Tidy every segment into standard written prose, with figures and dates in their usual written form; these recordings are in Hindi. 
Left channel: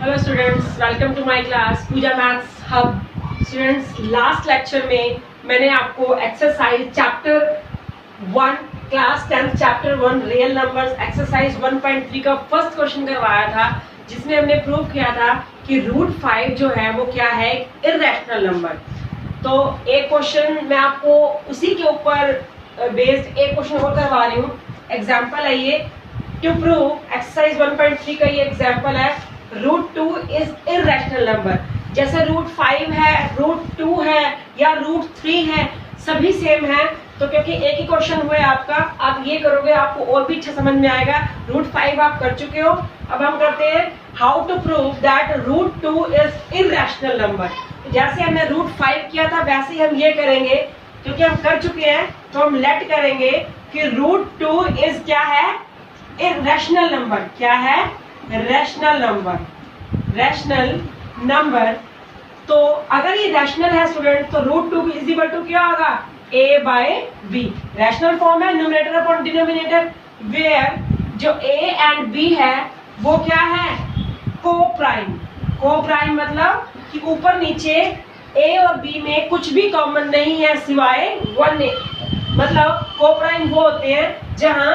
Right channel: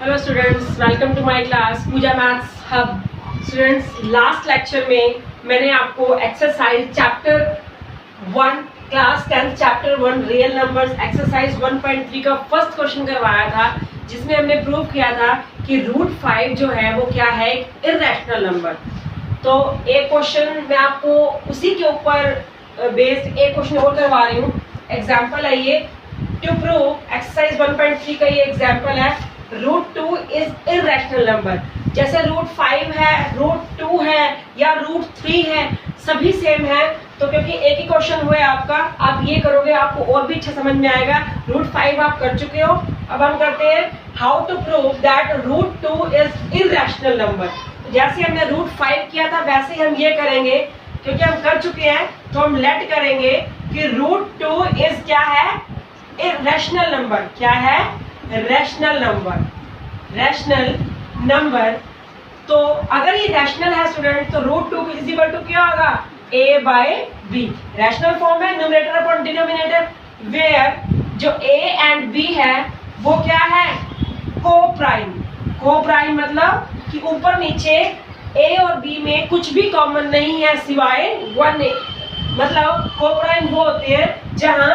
Hello students, welcome to my class Pooja maths hub. Students, last lecture में मैंने आपको exercise chapter 1 class 10 chapter 1 real numbers exercise 1.3 का फर्स्ट क्वेश्चन करवाया था, जिसमें हमने प्रूव किया था कि रूट 5 जो है वो क्या है, एक इर्रेशनल नंबर। तो एक क्वेश्चन मैं आपको उसी के ऊपर बेस्ड एक क्वेश्चन और करवा रही हूँ। एग्जाम्पल है ये, टू प्रूव एक्सरसाइज 1.3 का ये एग्जाम्पल है, रूट 2 इज इर्रेशनल नंबर। जैसे रूट 5 है, रूट 2 है या रूट 3 है, सभी सेम है। तो क्योंकि एक ही क्वेश्चन हुआ है आपका, आप ये करोगे आपको और भी अच्छा समझ में आएगा। रूट 5 आप कर चुके हो, अब हम करते हैं how to prove that root 2 is irrational number. जैसे हमने रूट 5 किया था वैसे ही हम ये करेंगे, क्योंकि हम कर चुके हैं तो हम लेट करेंगे कि रूट 2 इज क्या है, इर्रेशनल नंबर। क्या है? Rational number. Rational number. तो अगर ये रैशनल है स्टूडेंट, तो रूट 2 इज इक्वल टू क्या होगा, a by b। Rational form है न्यूमरेटर अपॉन डिनोमिनेटर, वेयर जो a एंड b है वो क्या है, को प्राइम। को प्राइम मतलब कि ऊपर नीचे a और b में कुछ भी कॉमन नहीं है सिवाय 1। मतलब को प्राइम वो होते हैं जहां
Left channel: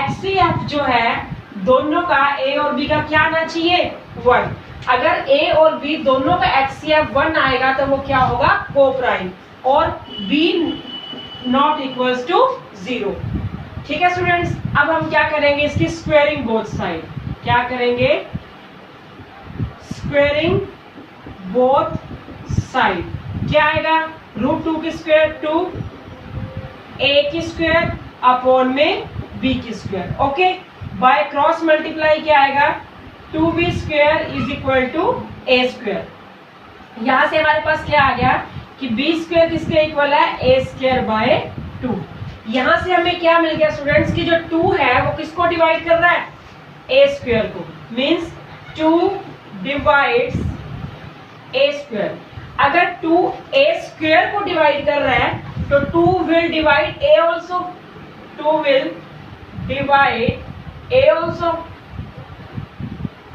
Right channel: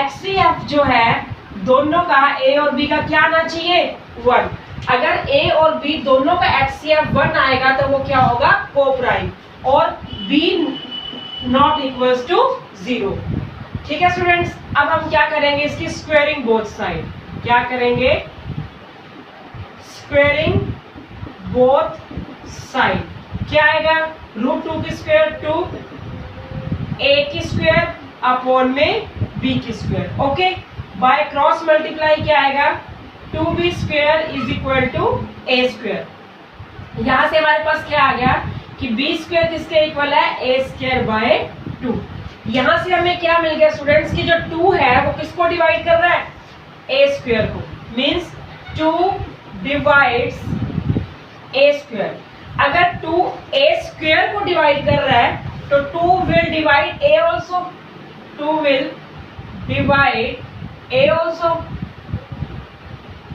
HCF जो है दोनों का a और b का क्या आना चाहिए, 1। अगर a और b दोनों का HCF 1 आएगा तो वो क्या होगा, को प्राइम, और b नॉट इक्वल्स टू 0। ठीक है स्टूडेंट्स, अब हम क्या करेंगे, इसकी स्क्वेयरिंग बोथ साइड। क्या करेंगे, स्क्वेयरिंग बोथ साइड। क्या आएगा, रूट 2 की स्क्वायर 2, a की स्क्वायर अपॉन में b की square. Okay, by cross multiply क्या आएगा, 2b square is equal to a square. यहां से हमारे पास क्या आ गया कि b स्क्वायर किसके इक्वल है, a स्क्वायर बाय 2। यहां से हमें क्या मिल गया स्टूडेंट्स की जो 2 है वो किसको डिवाइड कर रहा है, a स्क्वायर को। Means 2 divides a square. अगर 2 a स्क्वायर को डिवाइड कर रहा है तो 2 will divide a also. 2 will divide a also।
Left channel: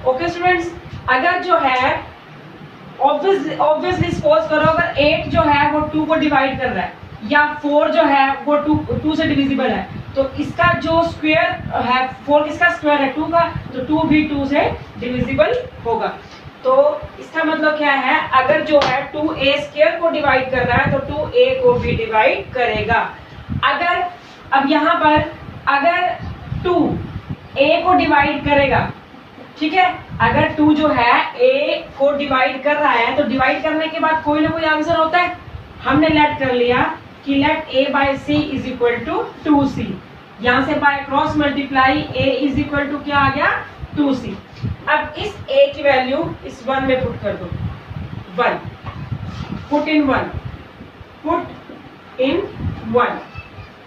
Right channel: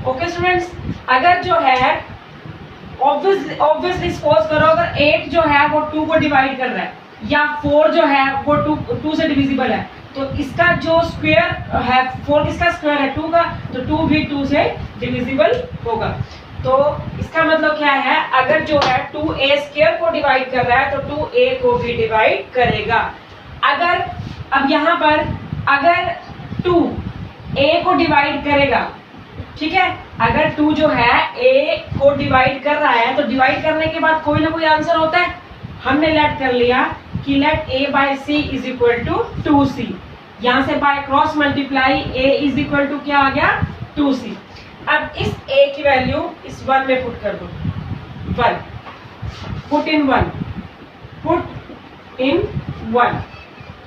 Okay students, अगर जो है ऑब्वियसली सपोज करो अगर 8 जो है वो 2 को डिवाइड कर रहा है, या 4 जो है वो 2 से डिविजिबल है, तो इसका जो स्क्वायर है 4 किसका स्क्वायर है, 2 का, तो 2 भी 2 से डिविजिबल होगा। तो इसका मतलब क्या है, अगर जो है 2a स्क्वायर को डिवाइड कर रहा है तो 2a को भी डिवाइड करेगा। अगर अब यहाँ पर अगर 2 a को डिवाइड करेगा, ठीक है, अगर 2 जो है a को डिवाइड कर रहा है तो डिवाइड करने के बाद कोई ना कोई आंसर होता है। हमने लेट कर लिया कि let a by c is equal to 2c। यहां से by cross multiply a is equal to क्या आ गया, 2c। अब इस a की वैल्यू इस 1 में पुट कर दो, 1 पुट इन 1, पुट इन 1।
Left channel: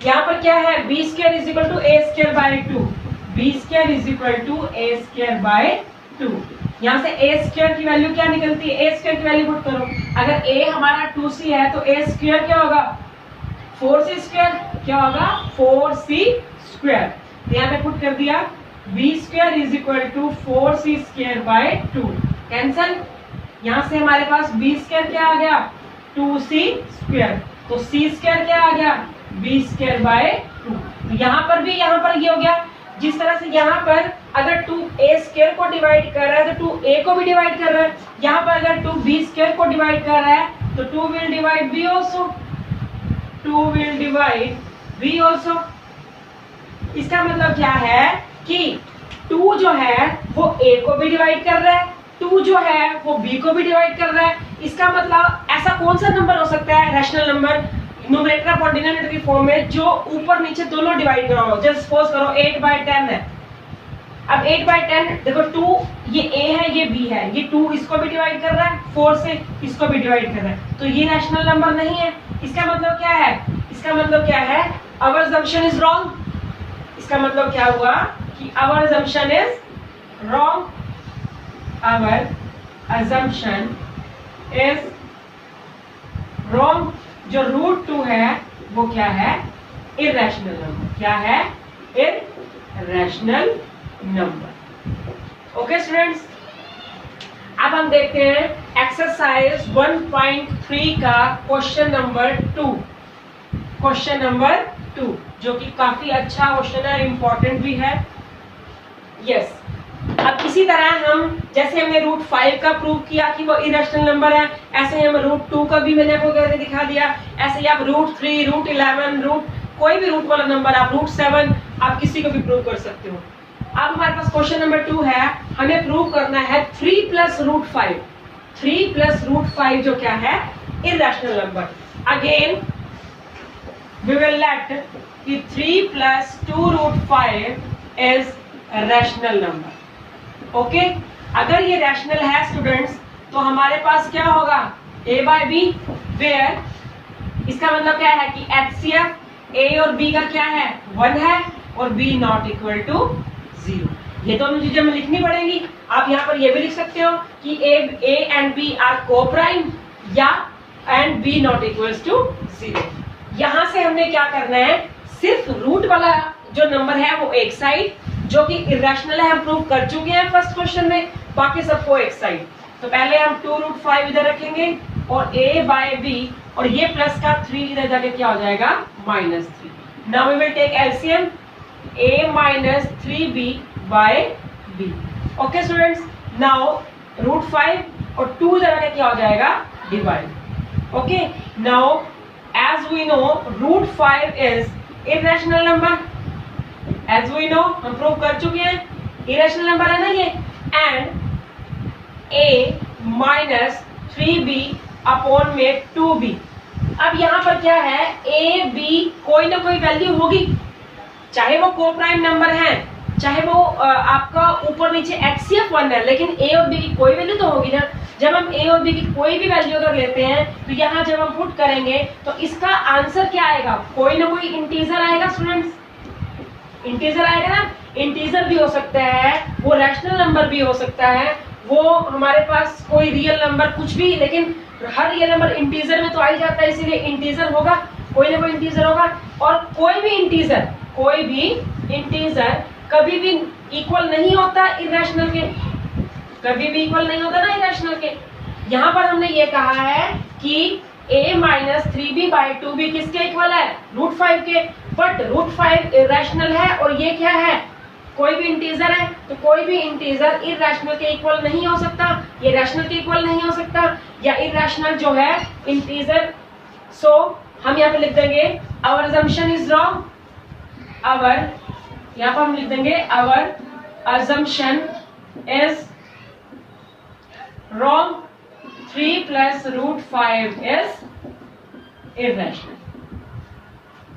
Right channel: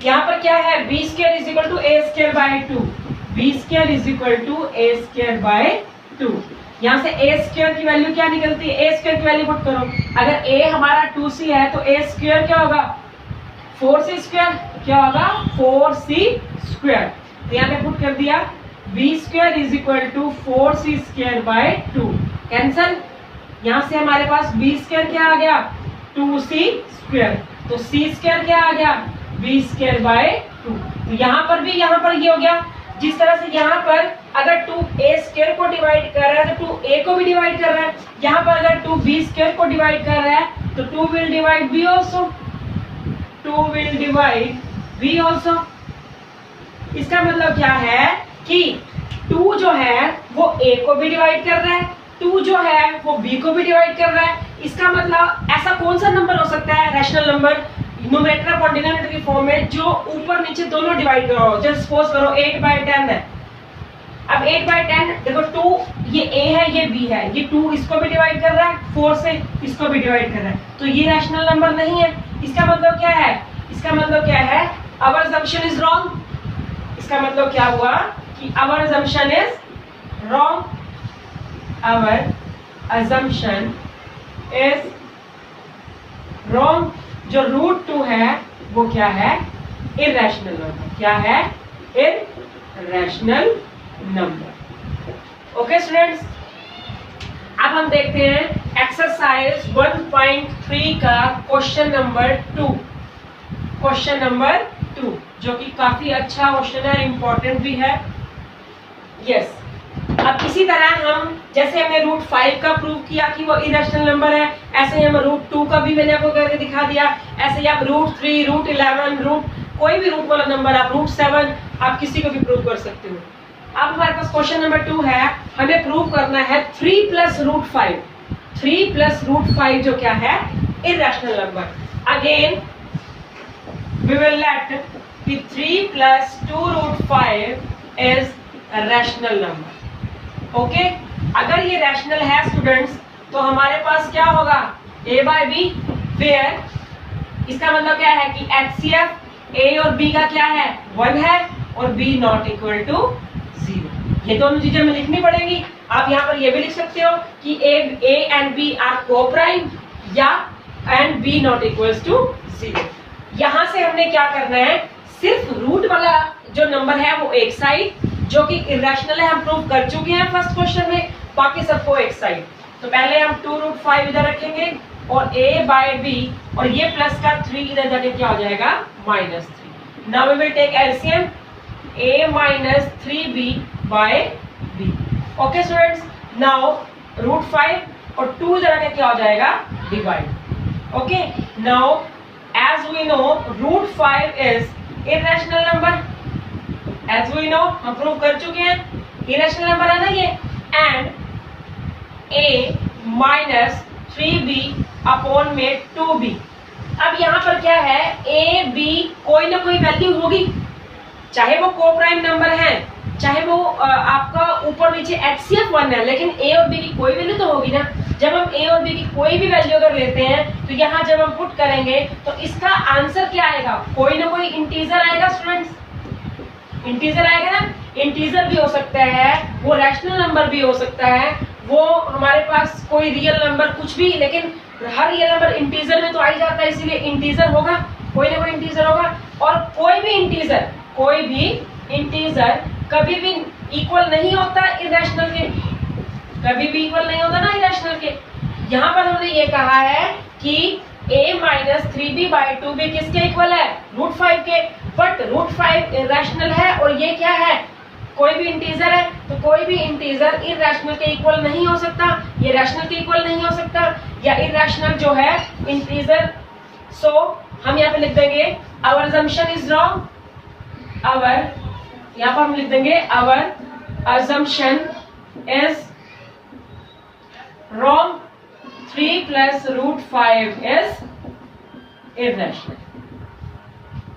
यहाँ पर क्या है, b square is equal to a square by 2। b square is equal to a square by 2। यहाँ से a स्क्वायर की वैल्यू क्या निकलती है, a स्क्वायर की वैल्यू पुट करो। अगर a हमारा 2c है तो a स्क्वायर क्या होगा, 4c स्क्वायर। क्या होगा, 4c स्क्वायर। तो यहाँ पे पुट कर दिया, b square is equal to 4c square by 2। Cancel. यहाँ से हमारे पास b स्क्वायर क्या आ गया, 2c स्क्वायर। तो c स्क्वायर क्या आ गया, b स्क्वायर बाय 2। तो यहाँ पर भी यहाँ पर ये हो गया। जिस तरह से यहाँ पर अगर 2a स्क्वायर को डिवाइड कर रहा है तो 2a को भी डिवाइड कर रहा है। यहाँ पर अगर 2b स्क्वायर को डिवाइड कर रहा है तो 2 will divide b also. 2 will divide b also. इसका मतलब क्या है कि 2 जो है वो a को भी डिवाइड कर रहा है, 2 जो है वो b को भी डिवाइड कर रहा है। इसका मतलब ऐसा कौन सा नंबर हो सकता है, rational number, numerator upon denominator की फॉर्म में, जो ऊपर नीचे दोनों डिवाइड करो। जैसे सपोज करो 8 बाय 10 है। अब 8 बाय 10 देखो, 2 ये a है ये b है, ये 2 इसको भी डिवाइड कर रहा है, 4 से इसको भी डिवाइड कर रहा है, तो ये रैशनल नंबर नहीं है। इसका मतलब क्या है, इसका मतलब क्या है, आवर असम्पशन इज रॉन्ग। इसका मतलब क्या हुआ कि our assumption is wrong. Our assumption is wrong. जो रूट 2 है वो क्या है, इर्रेशनल नंबर। क्या है, इर्रेशनल नंबर। ओके स्टूडेंट्स, अब हम देखते हैं एक्सरसाइज 1.3 का क्वेश्चन नंबर 2। क्वेश्चन नंबर 2 जो कि काफी अच्छा क्वेश्चन है, इंपॉर्टेंट भी है। यस, अब इसी तरह हम जैसे हमने रूट 5 का प्रूव किया कि वो इरेशनल नंबर है, ऐसे ही हम रूट 2 का भी मैंने आपको करके दिखा दिया। ऐसे ही आप रूट 3, रूट 11, रूट कोई भी रूट वाला नंबर, आप रूट 7 आप किसी को भी प्रूव कर सकते हो। अब हमारे पास क्वेश्चन नंबर 2 है, हमें प्रूव करना है 3 प्लस रूट 5। 3 प्लस रूट 5 जो क्या है, irrational number. Again we will let कि 3 plus 2 root 5 is rational number. Okay, अगर ये रैशनल है स्टूडेंट्स तो हमारे पास क्या होगा, a बाय बी, वेयर इसका मतलब क्या है कि HCF a और b का क्या है, 1 है और b नॉट इक्वल टू 0। ये दोनों चीजें हमें लिखनी पड़ेगी। आप यहाँ पर ये भी लिख सकते हो कि a and b are coprime या and b not equals to 0। यहाँ से हमने क्या करना है, सिर्फ रूट वाला जो नंबर है वो एक साइड, जो कि इरेशनल है, हम प्रूव कर चुके हैं फर्स्ट क्वेश्चन में, बाकी सबको एक साइड। तो पहले हम 2 रूट 5 इधर रखेंगे और a बाय b, और ये प्लस का 3 इधर जाके क्या हो जाएगा, -3। Now we will take LCM, a minus 3b by b। Okay students, now root 5 और 2 इधर आके क्या हो जाएगा, divide. Okay, now as we know root 5 is irrational number, as we know हम प्रूव कर चुके हैं, इरेशनल नंबर है ना ये, and a minus 3b upon में 2b। अब यहाँ पर क्या है, a b कोई ना कोई वैल्यू होगी, चाहे वो को-प्राइम नंबर है, चाहे वो आपका ऊपर नीचे HCF 1 है, लेकिन a और b की कोई वैल्यू तो होगी ना। जब हम a और b की कोई भी वैल्यू अगर लेते हैं तो यहाँ जब हम पुट करेंगे तो इसका आंसर क्या आएगा, कोई ना कोई इंटीजर आएगा स्टूडेंट्स, इंटीजर आएगा ना। इंटीजर भी हो सकता है, वो रैशनल नंबर भी हो सकता है, वो हमारे पास कोई रियल नंबर कुछ भी, लेकिन हर रियल नंबर इंटीजर में तो आ ही जाता है, इसीलिए इंटीजर होगा, कोई ना कोई इंटीजर होगा। और कोई भी इंटीजर कभी भी इक्वल नहीं होता इरेशनल के, कभी भी इक्वल नहीं होता ना इरेशनल के। यहाँ पर हमने ये कहा है कि a minus 3b by 2b किसके इक्वल है, रूट 5 के, बट रूट 5 इरेशनल है और ये क्या है, कोई भी इंटीजर है, तो कोई भी इंटीजर इरेशनल के इक्वल नहीं हो सकता, ये रैशनल के इक्वल नहीं हो सकता, या इरेशनल जो है इंटीजर। सो हम यहाँ पे लिख देंगे our assumption is wrong, our, यहाँ पर हम लिख देंगे our assumption is wrong, 3 plus root 5 is irrational.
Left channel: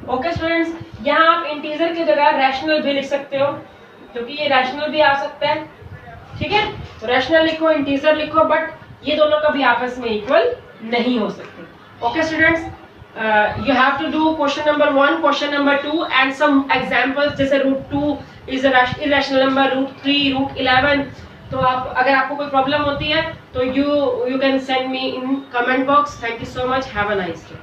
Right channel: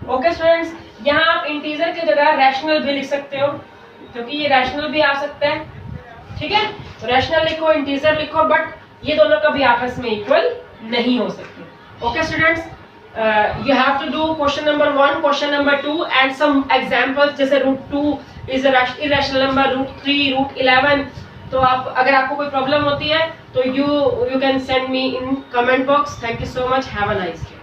Okay students, यहाँ आप इंटीजर की जगह रैशनल भी लिख सकते हो, क्योंकि ये रैशनल भी आ सकता है, ठीक है। तो रैशनल लिखो, इंटीजर लिखो, बट ये दोनों कभी आपस में इक्वल नहीं हो सकते। Okay students, you have to do question number 1, question number 2 and some examples, जैसे root 2 is a irrational number, root 3, root 11। तो आप, अगर आपको कोई प्रॉब्लम होती है तो you can send me in comment box. Thank you so much. Have a nice day.